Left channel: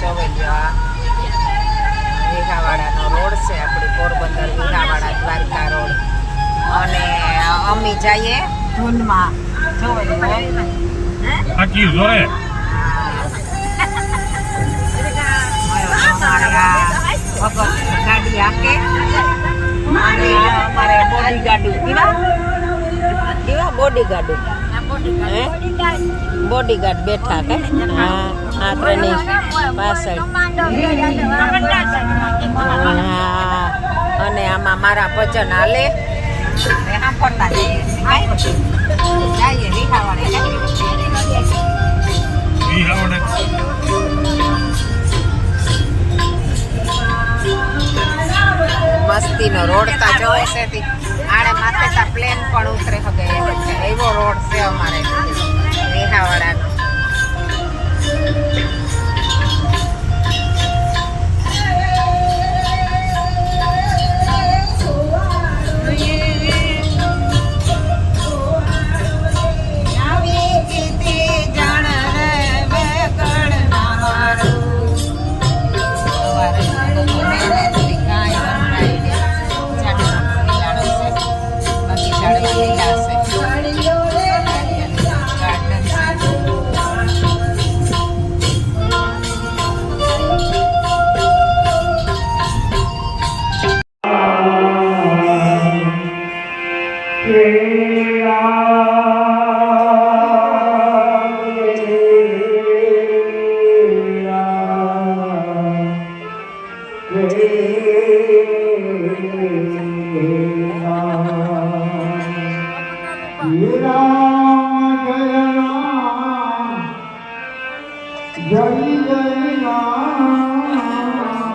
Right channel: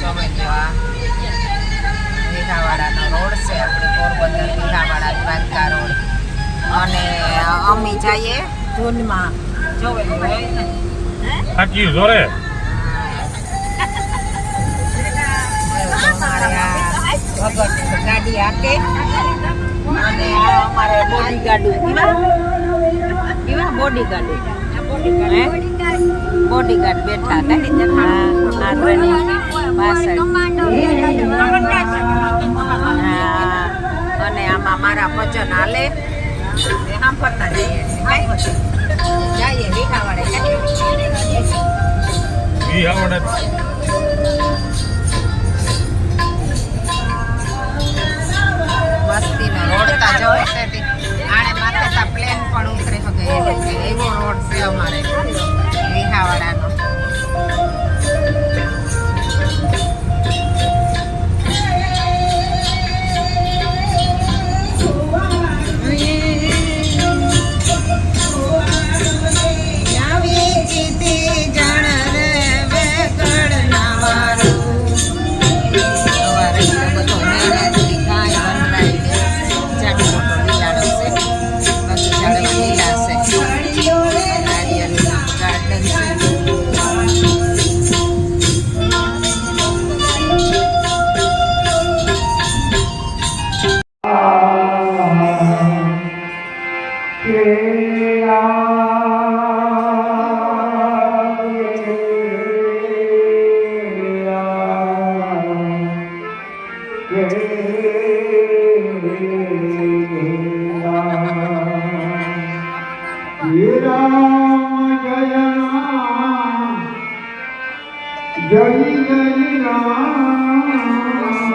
જોઈ ગયો આ વિહાવાડાનો રોડ છે આપણી પોરબંદર વિહાવાડા દ્વારકા રોડ અને અમે જઈએ ધૂનમાં જોઈ ગયો ગાડી આપે અમારે બોડી ગાડી કેવા બોડી ગાડી બોડીગાર્ડ બેઠા કઈ પાછળ અને આમાં મારા ભજન હાલે સાંભળતા જઈએ જઈએ વિહાવાડે મસ્તીનો રોડ તા જોવો છે આને માથે તા પ્લેન પણ ઉતરે શકે એવો રોડ છે અમારે વિહાવાડાનો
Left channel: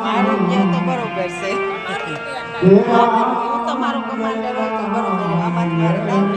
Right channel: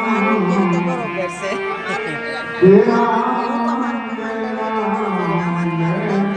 મારું ક્યાં તો બરોબર છે એવું તમારો કમાન્ડર હોય તો બરોબર આમાં જ મારે નામ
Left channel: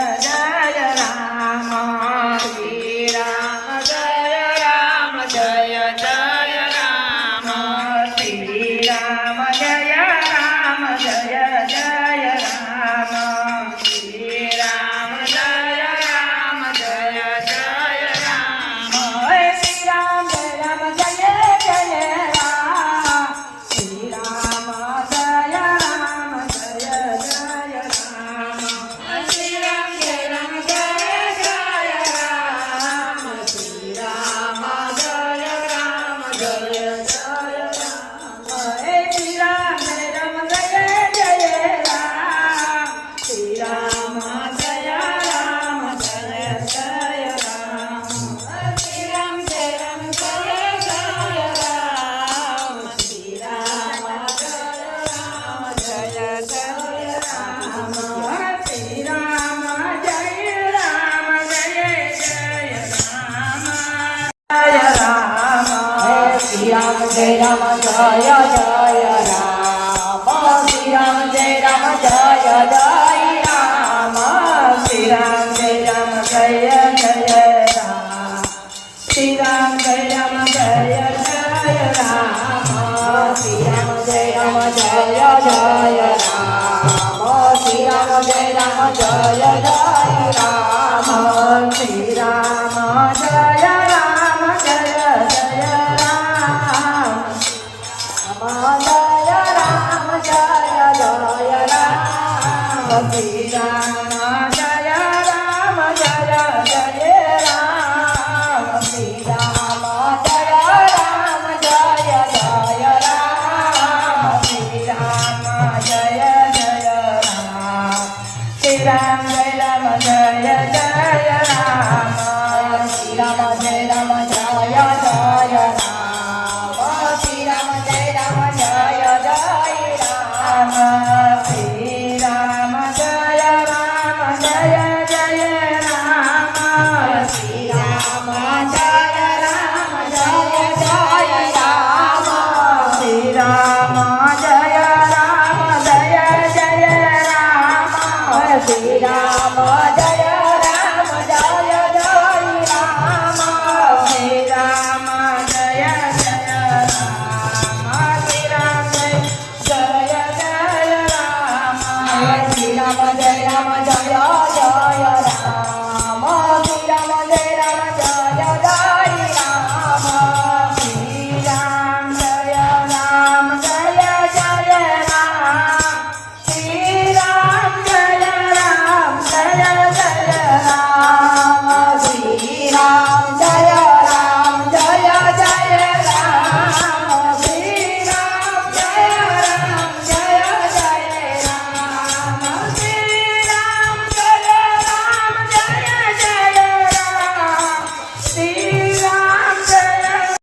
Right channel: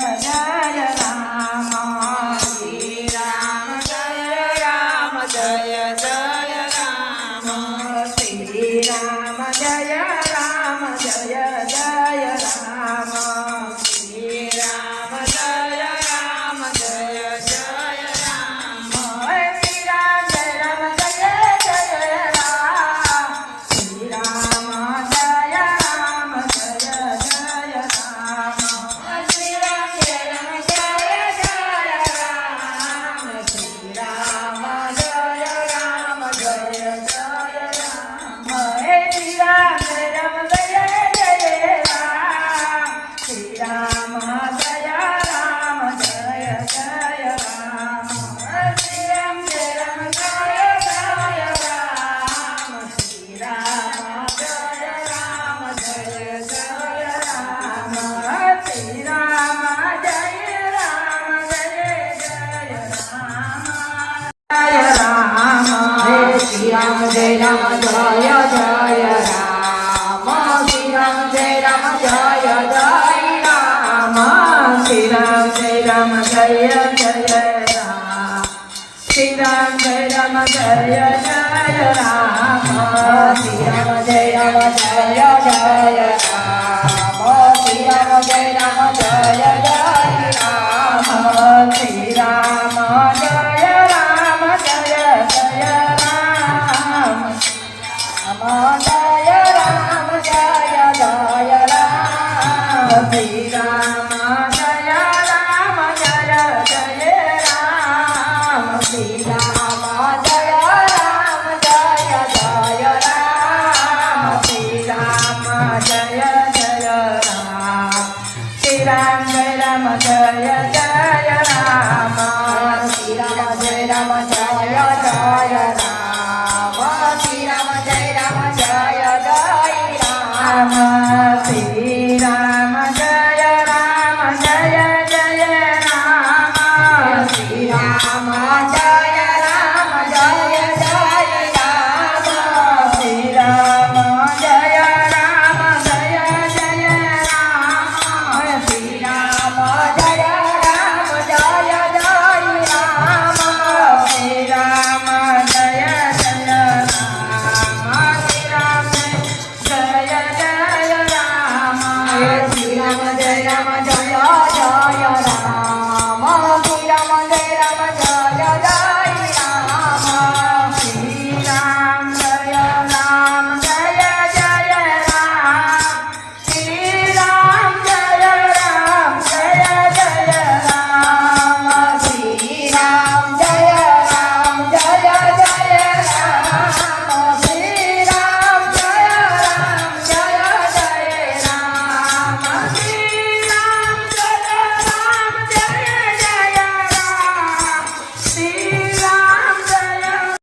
જય રામ શ્રી રામ જય રામ જય જય રામ શ્રી રામ જય રામ જય જય રામ શ્રી રામ જય રામ જય જય રામ શ્રી રામ જય રામ જય જય રામ શ્રી રામ જય રામ જય જય રામ શ્રી રામ જય રામ જય જય રામ શ્રી રામ જય રામ જય જય રામ હે શ્રી રામ જય રામ જય જય રામ શ્રી રામ જય રામ જય જય રામ શ્રી રામ જય રામ જય જય રામ શ્રી રામ જય રામ જય જય રામ શ્રી રામ જય રામ જય જય રામ જય રામ હે શ્રી રામ જય રામ જય જય રામ શ્રી રામ જય રામ જય જય રામ શ્રી રામ જય રામ જય જય રામ શ્રી રામ જય રામ જય જય રામ શ્રી રામ જય રામ જય જય રામ શ્રી રામ જય રામ જય જય રામ શ્રી રામ જય રામ જય જય રામ જય રામ જય જય રામ શ્રી રામ જય રામ જય જય રામ શ્રી રામ જય રામ જય જય રામ શ્રી રામ જય જય રામ શ્રી રામ જય રામ જય જય રામ શ્રી રામ જય રામ જય જય રામ શ્રી રામ જય રામ જય જય રામ શ્રી રામ જય રામ જય જય રામ શ્રી રામ જય રામ જય જય રામ શ્રી રામ જય રામ જય જય રામ શ્રી રામ જય રામ જય જય રામ શ્રી રામ જય જય રામ શ્રી રામ જય જય રામ શ્રી રામ જય રામ જય જય રામ શ્રી રામ જય રામ જય જય રામ શ્રી રામ જય રામ જય જય રામ શ્રી રામ જય રામ જય જય રામ